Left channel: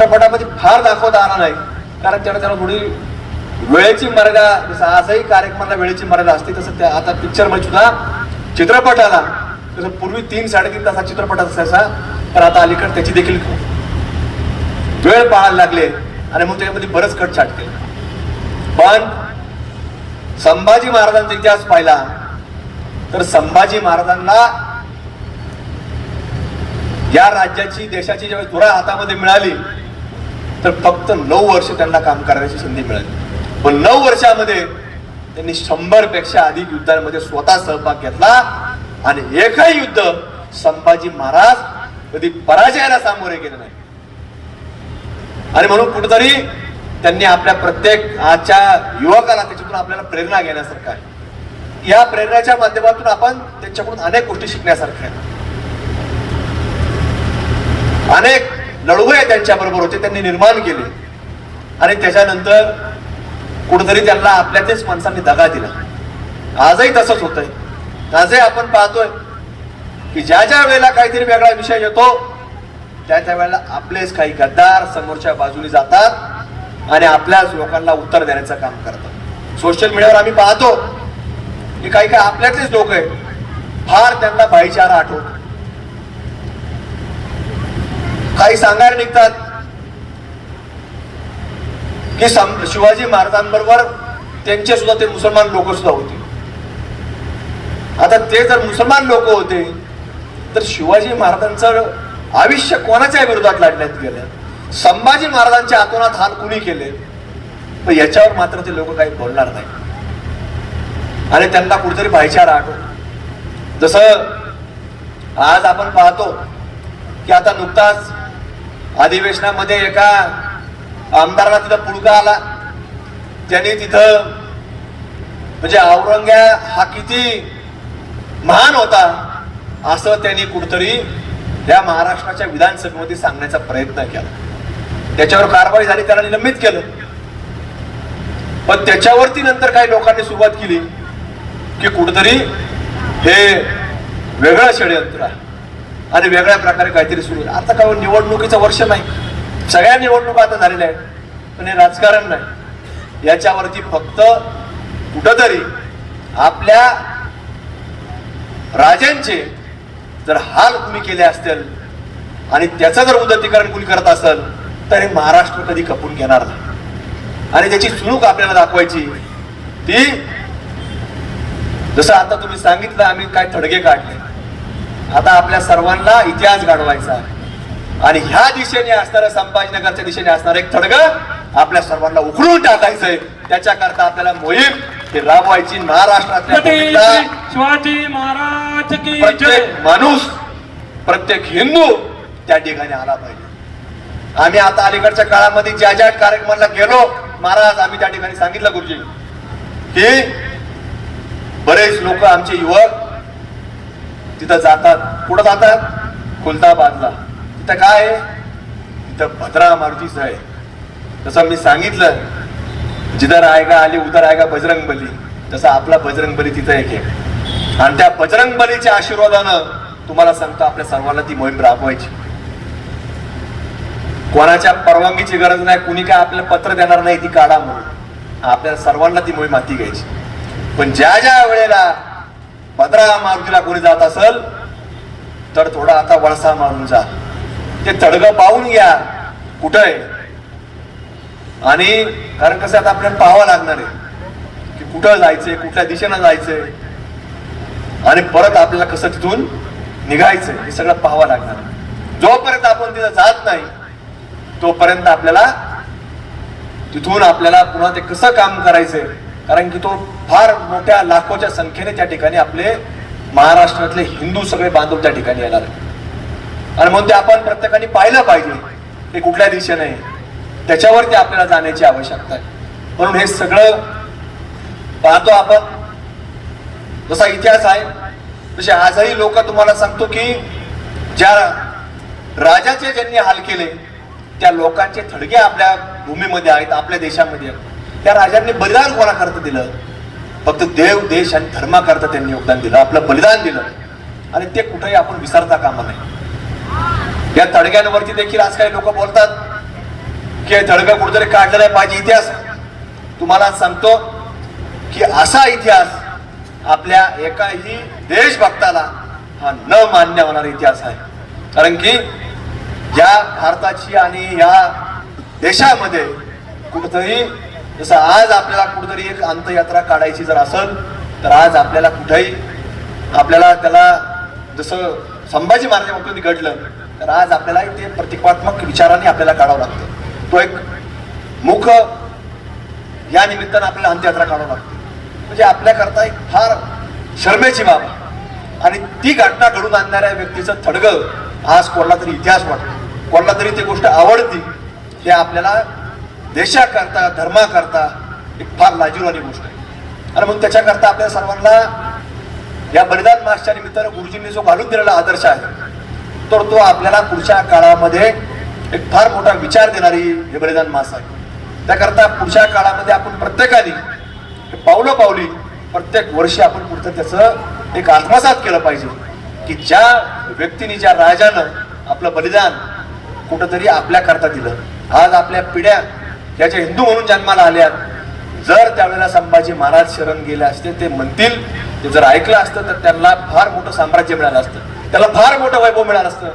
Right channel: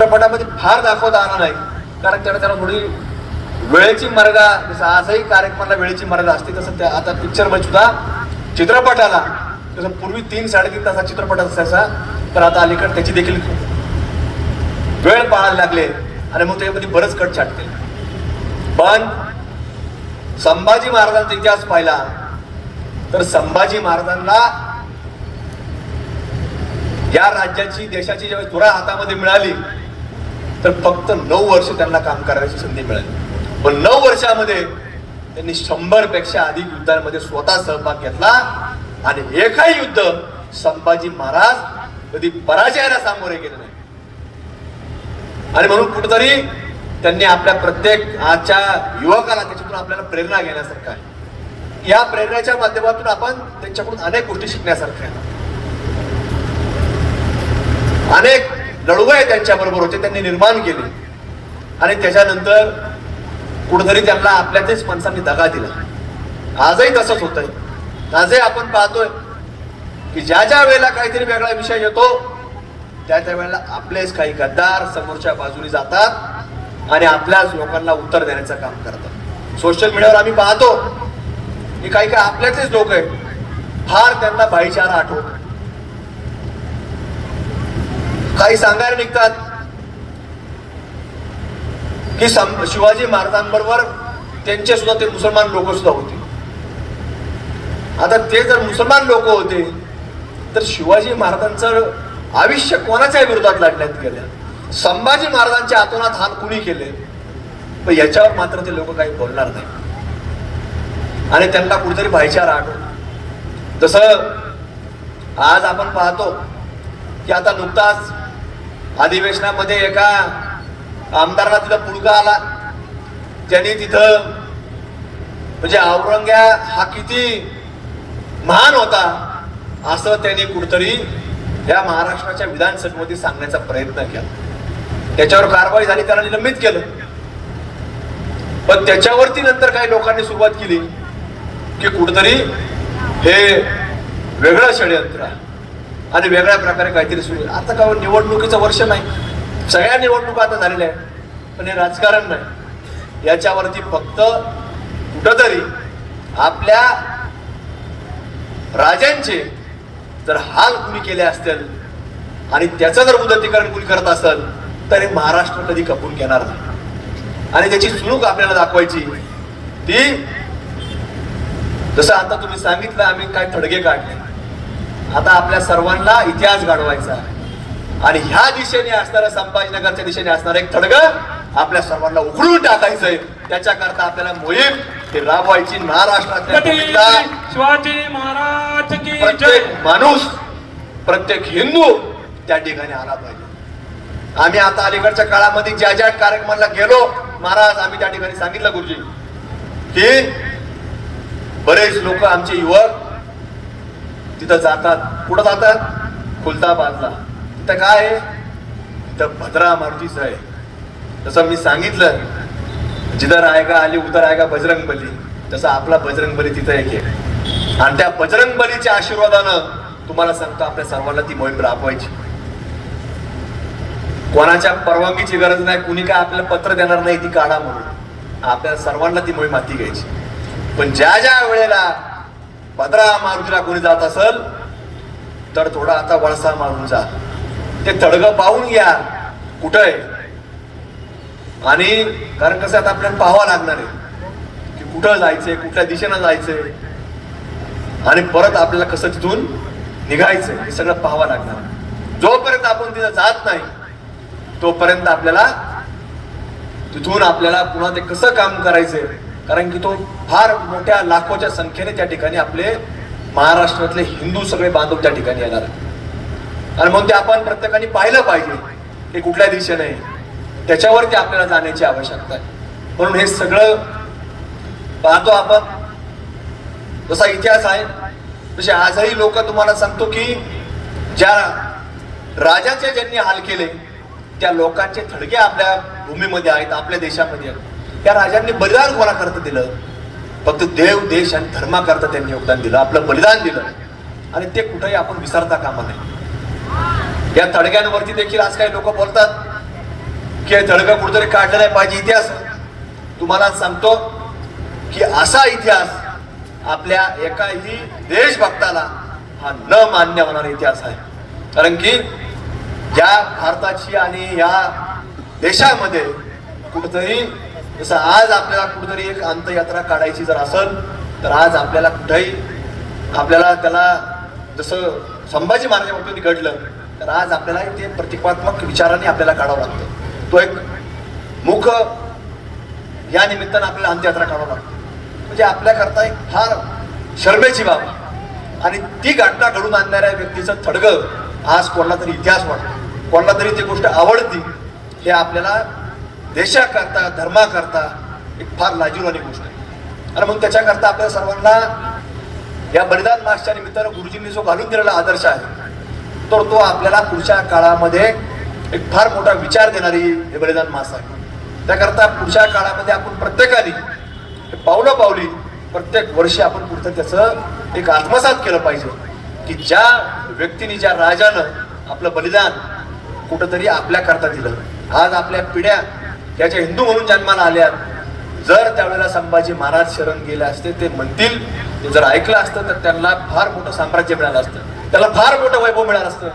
चित्रपटामध्ये फार दाखवता आला नाही. कारण त्याला त्याला थोडी वेळेची मर्यादा जसं आजही कार्यक्रमाला वेळेची मर्यादा असते तसं त्या आता पिक्चरमध्ये सुद्धा चित्रपटाला जसं पूर्वी तीन साडेतीन तासा चित्रपट असायचा तर आता अलीकडे त्याची देखील वेळ पाळायला लागले आणि मग त्याच्यामध्ये बरंच कट छाटते पण संभाजी महाराजांचा इतिहास पाहिला तर संभाजी महाराजांना या राज्याची देशाची जेव्हा धुरा हातामध्ये मिळाली तर फक्त नऊ वर्ष त्यांना काम करायची संधी मिळाली. पण नऊ वर्षामध्ये त्यांनी शंभरपेक्षा अधिक युद्धांमध्ये स्वतः सहभाग घेतला आणि एकही युद्ध संभाजी महाराज कधी पराजयाला सामोरे गेले नाही. आणि म्हणून कुठेतरी त्यांनी आपल्या प्रत्येक आजच्या युवकाला त्याच्यातून आपल्याला प्रेरणा घेण्यासारखं आहे. या प्रेरणाच्या माध्यमातून आपण त्यांच्याकडून अनेक गोष्टी शिकण्यासारख्या अनेक लढवय त्यांच्या बरोबर होते त्यांनी निर्माण केले. आणि त्याच्यानंतर कुठेतरी त्यांना आपल्यातच माणसांनी दगा दिला. आजही तसंच होतंय. आजही आपण पाहतोय की ज्या ज्या वेळेला काहीतरी वेगळा विषय येतो त्या त्या वेळेला आपलेच काही गद्दार समोरच्या बाजूने जातात आणि आपल्याच लोकांना उत्तर देण्याचं काम करतात. सोशल मीडियावर आम्ही पाहतो की काही काही आपल्यातलेच लोक आहेत. फार त्यांना भाईचारा आठवतो. काही सांगायला निघतात. की सं- शिवाजी महाराजांबरोबर त्यांचे सुद्धा ते मुसलमान लोक सुद्धा होते. आता ते जर मुसलमान लोक होते तर शिवाजी महाराजांचं आयुष्य कोणाच्या विरोधात लढण्यात गेलं? संभाजी महाराजांच्या आतोनात हात कुणी केले? पण याच्यावर मात्र ते लोक काही बोलणार नाही. आणि त्यांना कुठेतरी भाईचारा आठवतो जसं आज आपण पाहतो की आता नुकताच अधिवेशनामध्ये एका आमदाराला तिथं पुडका आला. त्यांनी तिथं म्हणजे औरंग्या हा किती महान होता असं त्यांनी कुठतरी या महाराष्ट्राच्या विधानसभेमध्ये सांगण्याचा प्रयत्न केला. त्याच्यावर कारवाई झाली त्याला निलंबित केलं. पण त्याच्यावरती नंतर काही लोकांनी सुरुवात केली की कुठतरी हे वेगळं षडयंत्र आहे. आणि वेगळ्या प्रकारे काहीतरी सुरू आहे आता काय निवडणुकीचं वर्ष नाही. सगळ्या निवडणुका आता झालेल्या आहेत. पण हे राजकारण नाही. याच्यावरती फक्त कुठंतरी आपल्या राजांचे जर हाल कुणी केले असतील आणि त्याचं जर उन्नतीकरण कुणी करत असेल तर हे महाराष्ट्र कधी खपून घेणार नाही. आणि त्याची चुणूक आपल्याला दाखवायची ती जसं आता तुम्ही सांगितलं आम्ही काय थडगे काढले. आता आपल्या सर्वांना इतिहास घडवायचा आहे. आणि ह्या दिशेने असणारं संभाजीनगरच्या दिशेने असणार एक थडग आपल्या सर्वांना उखडून टाकायचंय. त्याच्याकरता आपल्याला मोहीम ही राबवायची महाराष्ट्रातल्या शिवाजी महाराज की जय? प्रत्येक माणूस प्रत्येक हिंदू त्या ठिकाणी आला पाहिजे. आम्ही आता अलीकडच्या काळामध्ये ज्या ज्या कार्यक्रमाला गेलो महाराज आम्ही त्या ठिकाणी सांगितलं गुरुजी की बरेच लोक आमचे युवक तिथं जातात. कुठं जातात? खुलताबादला. तिथं काय? आहे तिथं भद्रा मारुतीचं आहे. तसं मी सांगितलं जिधर रायगा आली उधर आएगा बजरंग बली तसं आपला बजरंग बली तिथं एक आहे. आणि त्या बजरंग बलीच्या आशीर्वादानं तुम्हाला सांगतो आपल्या सर्वांना ती मोहीम राबवायची. कोणाच्या परवानगीची गरज नाही कुणी काय आपलं पत्र देणार नाही ती काढा म्हणून. आपल्या सर्वांना ती मोहीम हाती घ्यायची. पण ज्या ज्या वेळेला भद्रा मारुतीला कोणी जात असेल तर थोडा आता वळसा मारून जा. ते तडगं पाहून घ्या. कुठं आहे आणि कारण कसं आता आपल्याला पाहावं लागणार आहे की कुठं जायचंय कुठल्या दिशेनं जायचंय. आणि परत आपल्याला कसं तिथून निघायचंय हे सगळं पाहावं लागणार आहे. जोपर्यंत आपण तिथं जात नाही तोपर्यंत आपल्याला तिथून आपल्याला पुन्हा ते कसं काम करायचंय कारण की तो फार मोठ्या लाखोच्या संख्येने त्या ठिकाणी आपले महाराष्ट्रातले हिंदू सगळे बांधव त्या ठिकाणी येणार आणि म्हणून ते आपण प्रत्येकाने पाहिलं पाहिजे ते कुठल्या दिशेने त्याच्यावरती आपल्याला जाण्याची आवश्यकता आहे. म्हणून हे सगळं पाहतो आपण. जसा इतिहास आहे तसे आजही लोक तुम्हाला सांगतो की ज्या राजाचे ज्यांनी हाल केले त्या लोकांचे थडगे आपल्या भूमीमध्ये आहेत आपल्या देशामध्ये आहेत. त्या राजांनी बलिदान कोणाकरता दिलं? फक्त देव देश आणि धर्माकरता त्यांनी योगदान दिलं. आपलं बलिदान दिलं. आणि ते कुठेही आपण विसरता कामा नये. या तडग्यांवरती देखील आज काही लोक बोलतात की हे धडकं कुठेतरी काढलं नाही पाहिजे इतिहास. तुम्हाला सांगतो की असा इतिहास आपल्या एकाही देशभक्ताला हा न मान्य होणारा इतिहास आहे. कारण की या भारताची आणि या देशामध्ये कुठंतरी जसं आज आपल्याला कुठेतरी एक अंतयात्रा काढायची जर असेल तर आज आपल्याला कुठेही आपल्याला त्याला जसं संभाजी महाराज बाबतीत घडलं तर आज आपल्याला ते प्रतिकात्मक विचाराने आपल्याला काढावं लागतं. तो एक मुख या निमित्तानं आपल्याला अंत्ययात्रा काढावं लागते. म्हणजे आपल्याकरता एक फार शर्मेची बाब. आणि ती घटना घडून आणणाऱ्या व्यक्तीचं थडगं आज कोणाला तरी इतिहास वाटतो. कोणाला तरी ती गोष्ट आवडती ते आपल्याला देशाकरता धर्माकरता एक फार लाजीवाली गोष्ट आहे. आणि मग त्याच्याकरता आपल्या सर्वांना या बलिदान मासच्या निमित्तानं गुरुजींनी जो घालून दिलेला आदर्श आहे तर तो आपल्याला पुढच्या काळामध्ये एक फार मोठा विचार देणारी हे बलिदान मास आहे. त्याकरता पुढच्या काळामध्ये आपण प्रत्येकाने पावलं पावली प्रत्येक वर्षी आपण पुढचं त्याचं एक आत्मसात केलं पाहिजे की ज्या व्यक्तीने ज्या राजानं आपलं बलिदान कुठंतरी आपल्याकरता दिलं. आज आपल्या पिढ्या याच्या हिंदू म्हणून जन्माला आल्यात. जर त्यावेळेला संभाजी महाराज शरण गेले असते ते म्हणतील ते जर ऐकलं असतं तर त्यांना फार मोठं साम्राज्य मिळालं असतं. त्याला फार मोठं वैभव मिळालं असतं.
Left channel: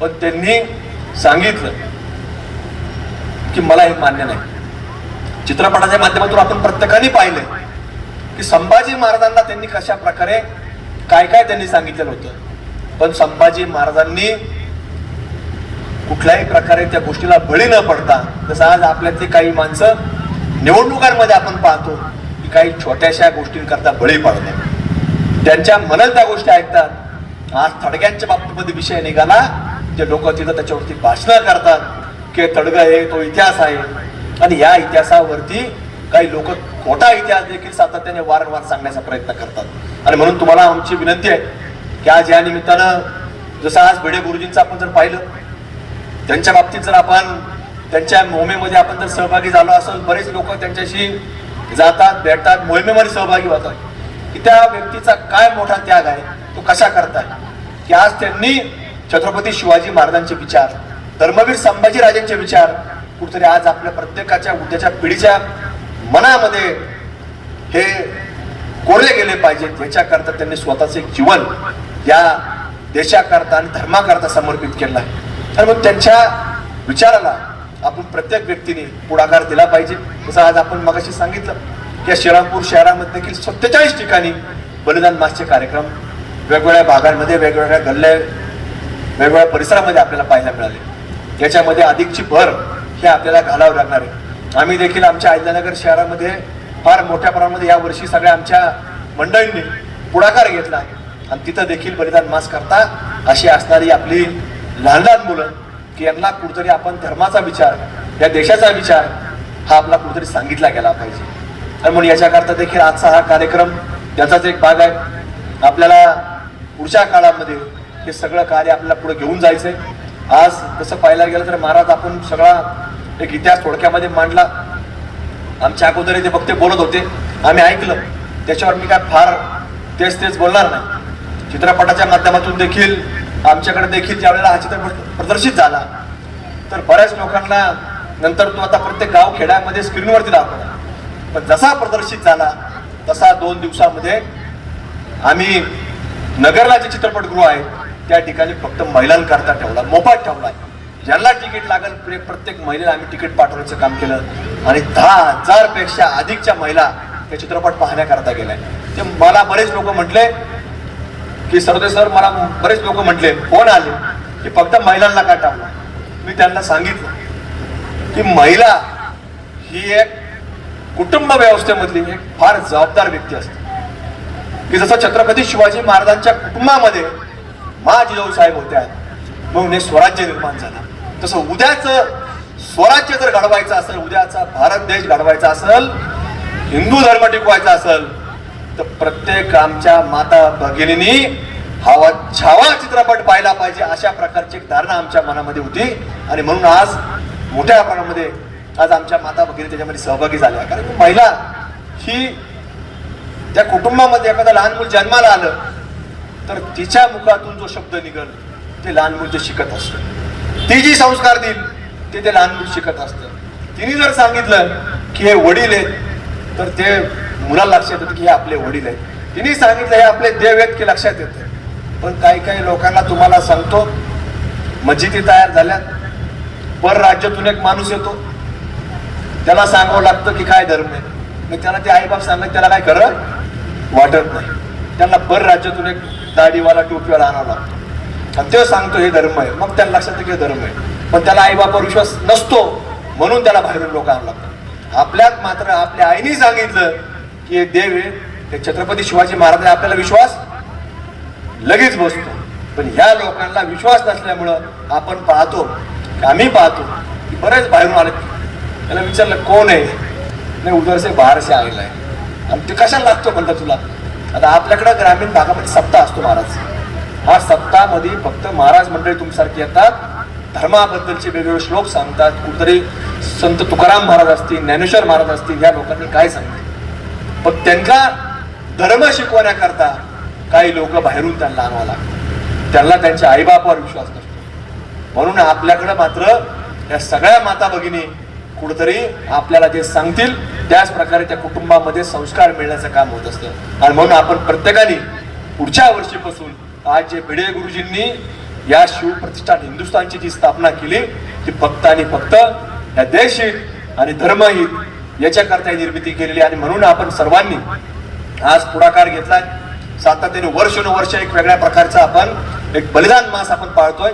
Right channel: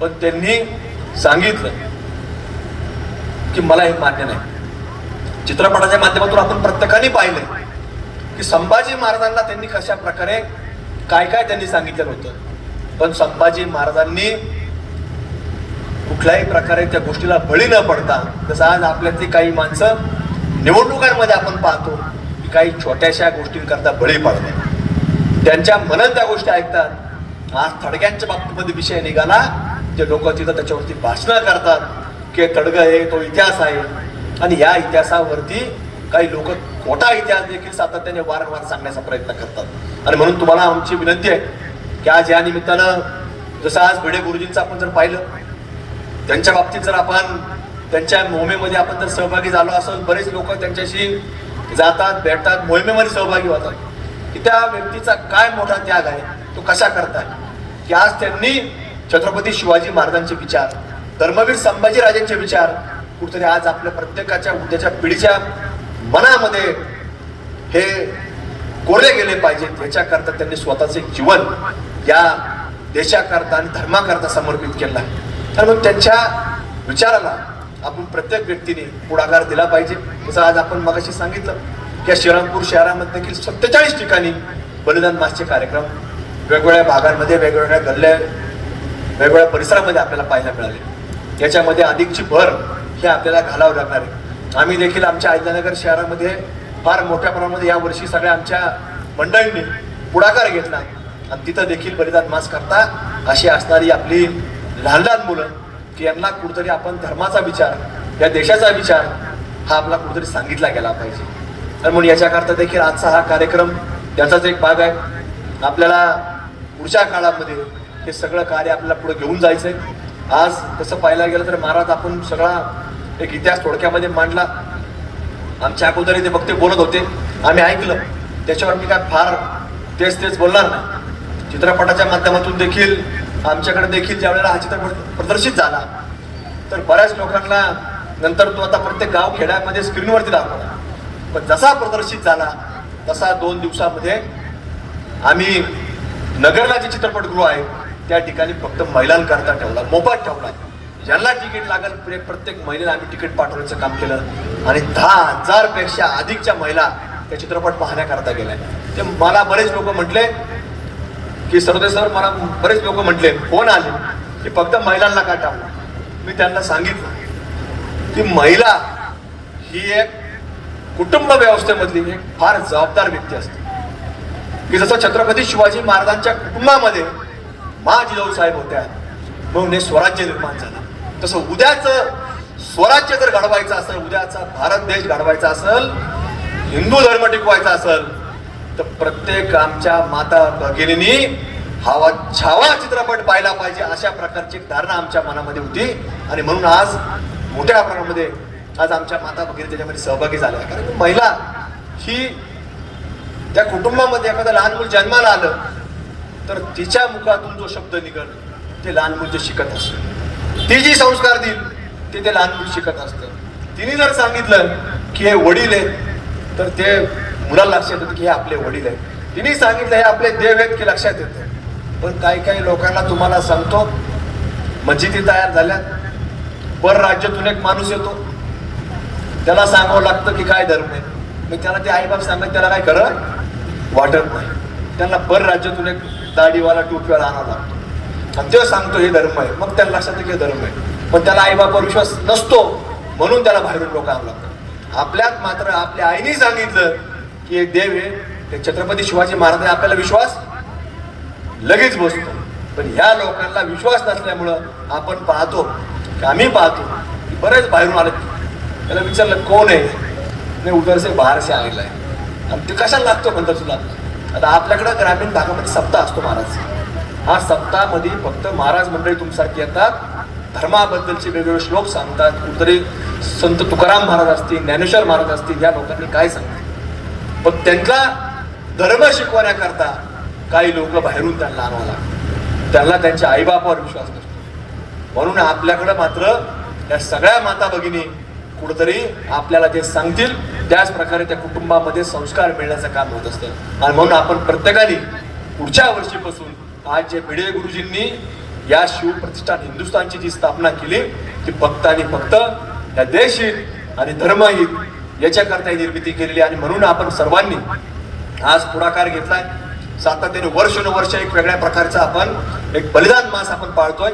पण त्यांनी सांगितलं की मला हे मान्य नाही. चित्रपटाच्या माध्यमातून आपण प्रत्येकाने पाहिलं की संभाजी महाराजांना त्यांनी कशा प्रकारे काय काय त्यांनी सांगितलेलं होतं. पण संभाजी महाराजांनी कुठल्याही प्रकारे त्या गोष्टीला बळी न पडता जसं आज आपल्यातली काही माणसं निवडणुकांमध्ये आपण पाहतो की काही छोट्याशा गोष्टींकरता बळी पडतात. त्यांच्या मनात त्या गोष्टी ऐकतात. आज थडग्यांच्या बाबतीमध्ये विषय निघाला ते लोक तिथं त्याच्यावरती भाषणं करतात की तडगा आहे तो इतिहास आहे. आणि या इतिहासावरती काही लोक खोटा इतिहास देखील सातत्याने वारंवार सांगण्याचा प्रयत्न करतात. आणि म्हणून तुम्हाला आमची विनंती आहे की आज या निमित्तानं जसं आज भिडे गुरुजींचं आपण जर पाहिलं त्यांच्या बाबतीत जर आपण त्यांच्या मोहिमेमध्ये आपण जर सहभागी झालो असेल बरेच लोक त्यांच्याशी जातात भेटतात मोहिमेमध्ये सहभागी होतात. की त्या व्यक्तीचा काय मोठा त्याग आहे तो कशा करताय? की आज त्यांनी छत्रपती शिवाजी महाराजांचे विचार धर्मवीर संभाजी राजांचे विचार कुठेतरी आज आपल्या प्रत्येकाच्या उद्याच्या पिढीच्या मनामध्ये हे कोरले गेले पाहिजेत. याच्याकरता त्यांनी स्वतःचे एक जीवन या देशाकरता आणि धर्माकरता समर्पित केलं आहे. आणि मग त्यांच्या विचाराला आपण प्रत्येक व्यक्तीने पुढाकार दिला पाहिजे. जसं आज आपण मगाशी सांगितलं की या श्रीरामपूर शहरामध्ये देखील सत्तेचाळीस ठिकाणी बलिदान मासचे कार्यक्रम वेगवेगळ्या भागांमध्ये वेगवेगळ्या गल्ल्या वेगवेगळ्या परिसरामध्ये आपल्याला पाहायला मिळाले. याच्यामध्ये अधिकची भर हे आपल्याला घालावं लागणार आहे. आम्ही देखील आमच्या अहिल्यानगर शहरामध्ये फार मोठ्या प्रमाणामध्ये या वर्षी सगळ्या आमच्या मंडळींनी पुढाकार घेतला. आणि तिथं देखील बलिदान मास करता अशी असणारी आपली लहान लहान मुलं की यांना कुठतरी आपण धर्माचा विचार या देशाचा विचार हा आपला कुठेतरी सांगितला गेला पाहिजे. आणि म्हणून याच्याकरता देखील आजचा हा कार्यक्रम त्याचाच एक भाग आहे. आपल्याला पुढच्या काळामध्ये हे सगळं कार्य आपल्याला पुढे घेऊन जायचं आहे आज तसं पाहायला गेलं तर महाराज आपण सगळा एक इतिहास थोडक्यामध्ये मांडला. आमच्या अगोदर ते वक्ते बोलत होते. आम्ही ऐकलं. त्याच्यावर मी काय फार तेच तेच बोलणार नाही. चित्रपटाच्या माध्यमातून देखील आमच्याकडे देखील ज्यावेळेला हा चित्रपट प्रदर्शित झाला तर बऱ्याच लोकांना नंतर तो आता प्रत्येक गाव खेड्यामध्ये स्क्रीनवरती दाखवला पण जसा प्रदर्शित झाला तसा दोन दिवसामध्ये आम्ही नगरला जे चित्रपटगृह आहे त्या ठिकाणी फक्त महिलांकरता ठेवला मोफत ठेवला. ज्यांना तिकीट लागेल प्रत्येक महिलेला आम्ही तिकीट पाठवण्याचं काम केलं. आणि दहा हजारपेक्षा अधिकच्या महिला ते चित्रपट पाहण्याकरता गेल्या. ते मला बरेच लोक म्हटले की सरदे सर मला बरेच लोक म्हटले फोन आले की फक्त महिलांना का टाळलं मी त्यांना सांगितलं की महिला ही एक कुटुंब व्यवस्थेमधली एक फार जबाबदार व्यक्ती असते. की जसं छत्रपती शिवाजी महाराजांच्या कुटुंबामध्ये महाजिजाऊ साहेब होत्या म्हणून हे स्वराज्य निर्माण झालं. तसं उद्याचं स्वराज्य जर घडवायचं असेल उद्याचा भारत देश घडवायचा असेल हिंदू धर्म टिकवायचा असेल तर प्रत्येक आमच्या माता भगिनींनी हवा छावा चित्रपट पाहिला पाहिजे अशा प्रकारची एक धारणा आमच्या मनामध्ये होती. आणि म्हणून आज मोठ्या प्रमाणामध्ये आज आमच्या माता भगिनी त्याच्यामध्ये सहभागी झाल्या. कारण की महिला ही त्या कुटुंबामध्ये एखादं लहान मूल जन्माला आलं तर तिच्या मुखातून जो शब्द निघल ते लहान मूल जे शिकत असते. ती जी संस्कार देईल ते ते लहान मूल शिकत असते. तिने जर सांगितलं की हे वडील आहेत तर ते मुलाला लक्षात येतं की हे आपले वडील आहेत. तिने सांगितलं हे आपले देव आहेत की लक्षात येतं. पण काही काही लोकांना तुम्हाला सांगतो मस्जिदी तयार झाल्या परराज्यातून एक माणूस येतो. त्याला सांगावं लागतं की काय धर्म आहे. मग त्याला ते आईबाप सांगत त्याला काय खरं वाटत नाही. त्यांना परराज्यातून एक दाढीवाला टोपीवाला आणावा लागतो. आणि ते सांगतो हे धर्म आहे. मग त्याला लक्षात येतं की हे धर्म आहे. पण त्याला आईबापावर विश्वास नसतो म्हणून त्याला बाहेरून लोक आणावं लागतात. आपल्यात मात्र आपल्या आईने सांगितलं हे देव आहे हे छत्रपती शिवाजी महाराज आपल्याला विश्वास लगेच बसतो. पण ह्या लोकांना विश्वास नसल्यामुळं आपण पाहतो की आम्ही पाहतो की बरेच बाहेरून आले. त्याला विचारलं कोण आहे? नाही उदरसे बाहेरसे आलेला आहे. आणि ते कशाला लागतो म्हणतात तुला? आता आपल्याकडं ग्रामीण भागामध्ये सप्ताह असतो महाराज. हा सप्ताहामध्ये फक्त महाराज मंडळी तुमच्यासारखी येतात धर्माबद्दलचे वेगवेगळे श्लोक सांगतात. कुठतरी संत तुकाराम महाराज असतील ज्ञानेश्वर महाराज असतील या लोकांनी काय सांगतात पण त्यांचा धर्म शिकवण्याकरता काही लोक बाहेरून त्यांना आणावं लागतात त्यांना त्यांच्या आईबापावर विश्वास नसतो. म्हणून आपल्याकडे मात्र या सगळ्या माता भगिनी कुठंतरी आपल्याला जे सांगतील त्याच प्रकारे त्या कुटुंबामध्ये संस्कार मिळण्याचं काम होत असतं. आणि म्हणून आपण प्रत्येकाने पुढच्या वर्षीपासून आज जे भिडे गुरुजींनी या शिवप्रतिष्ठान हिंदुस्थानची जी स्थापना केली ती फक्त आणि फक्त या देशहित आणि धर्महित याच्याकरता ही निर्मिती केलेली आणि म्हणून आपण सर्वांनी आज पुढाकार घेतलाय. सातत्याने वर्षानुवर्ष एक वेगळ्या प्रकारचा आपण एक बलिदान मास आपण पाळतोय.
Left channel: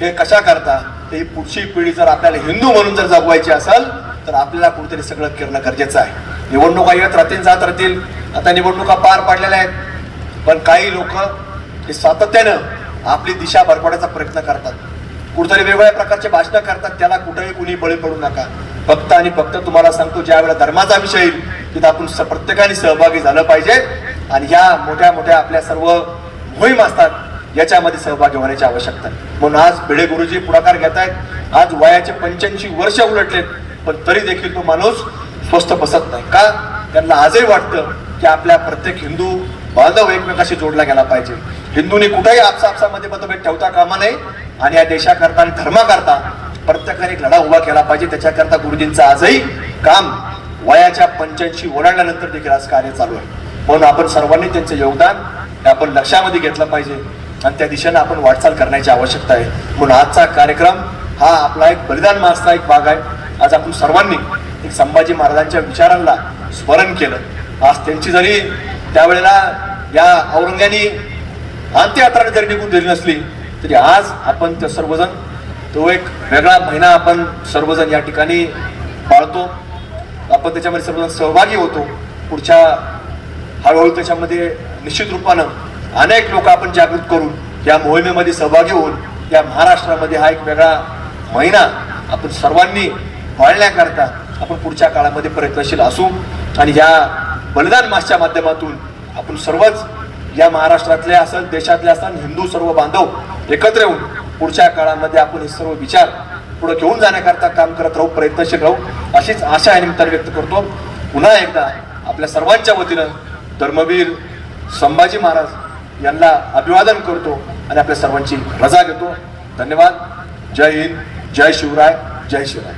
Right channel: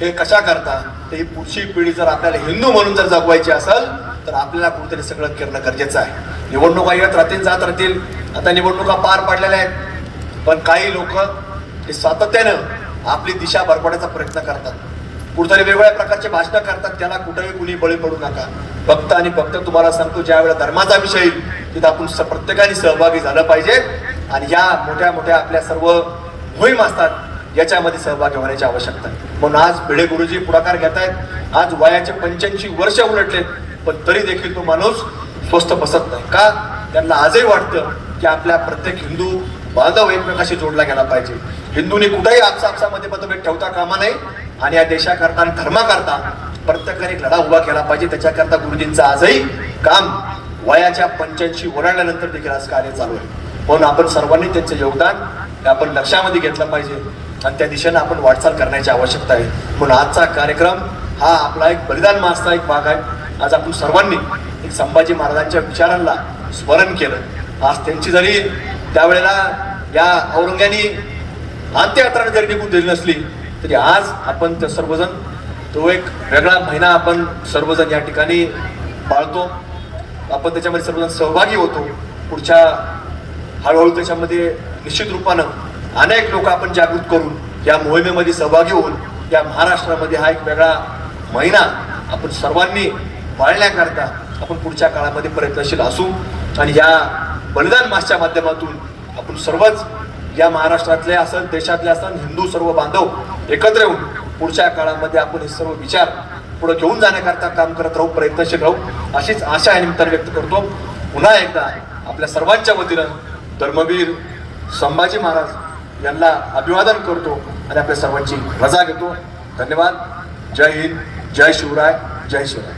हे कशा करता? ते पुढची पिढी जर आपल्याला हिंदू म्हणून जर जगवायची असेल तर आपल्याला कुठेतरी सगळं करणं गरजेचं आहे. निवडणुका येत राहतील जात राहतील. आता निवडणुका पार पडलेल्या आहेत. पण काही लोक हे सातत्यानं आपली दिशा भरपवण्याचा प्रयत्न करतात. कुठतरी वेगवेगळ्या प्रकारचे भाषणं करतात त्याला कुठेही कुणी बळी पडू नका. फक्त आणि फक्त तुम्हाला सांगतो ज्या वेळेला धर्माचा विषय येईल तिथं आपण स- प्रत्येकाने सहभागी झालं पाहिजे. आणि या मोठ्या मोठ्या आपल्या सर्व मोहीम असतात याच्यामध्ये सहभागी होण्याची आवश्यकता. म्हणून आज भिडे गुरुजी पुढाकार घेत आहेत आज वयाचे पंच्याऐंशी वर्ष उलटले पण तरी देखील तो माणूस स्वस्थ बसत नाही. का? त्यांना आजही वाटतं की आपल्या प्रत्येक हिंदू बांधव एकमेकाशी जोडला गेला पाहिजे. हिंदूंनी कुठेही आपसापसामध्ये मतभेद ठेवता कामा नये. आणि या देशाकरता आणि धर्माकरता प्रत्येकाने एक लढा उभा केला पाहिजे. त्याच्याकरता गुरुजींचं आजही काम वयाच्या पंच्याऐंशी ओलांडल्यानंतर देखील आज कार्य चालू आहे. पण आपण सर्वांनी त्यांचं योगदान आपण लक्षामध्ये घेतलं पाहिजे. आणि त्या दिशेने आपण वाटचाल करण्याची आवश्यकता आहे. म्हणून आजचा कार्यक्रम हा आपला एक बलिदान मासचा एक भाग आहे. आज आपण सर्वांनी एक संभाजी महाराजांच्या विचारांना स्मरण केलं. आज त्यांची जरी त्यावेळेला या औरंग्यानी अंत्ययात्राने जरी निघून दिली नसली तरी आज आपण त्या सर्वजण तो एक वेगळा महिना आपण सर्वजण या ठिकाणी पाळतो. आपण त्याच्यामध्ये सर्वजण सहभागी होतो. पुढच्या हळूहळू त्याच्यामध्ये निश्चित रूपानं अनेक लोक आपण जागृत करून या मोहिमेमध्ये सहभागी होऊन या महाराष्ट्रामध्ये हा एक वेगळा महिना आपण सर्वांनी पाळण्याकरता आपण पुढच्या काळामध्ये प्रयत्नशील असू. आणि या बलिदान मासच्या माध्यमातून आपण सर्वच या महाराष्ट्रातले असेल देशातले असेल हिंदू सर्व बांधव एकत्र येऊन पुढच्या काळामध्ये आपण हे सर्व विचार पुढे घेऊन जाण्याकरता काम करत राहू प्रयत्नशील राहू अशीच आशा या निमित्ताने व्यक्त करतो. पुन्हा एकदा आपल्या सर्वांच्या वतीनं धर्मवीर संभाजी महाराज यांना अभिवादन करतो आणि आपल्या सर्वांची रजा घेतो. धन्यवाद. जय हिंद. जय शिवराय. जय शिवराय.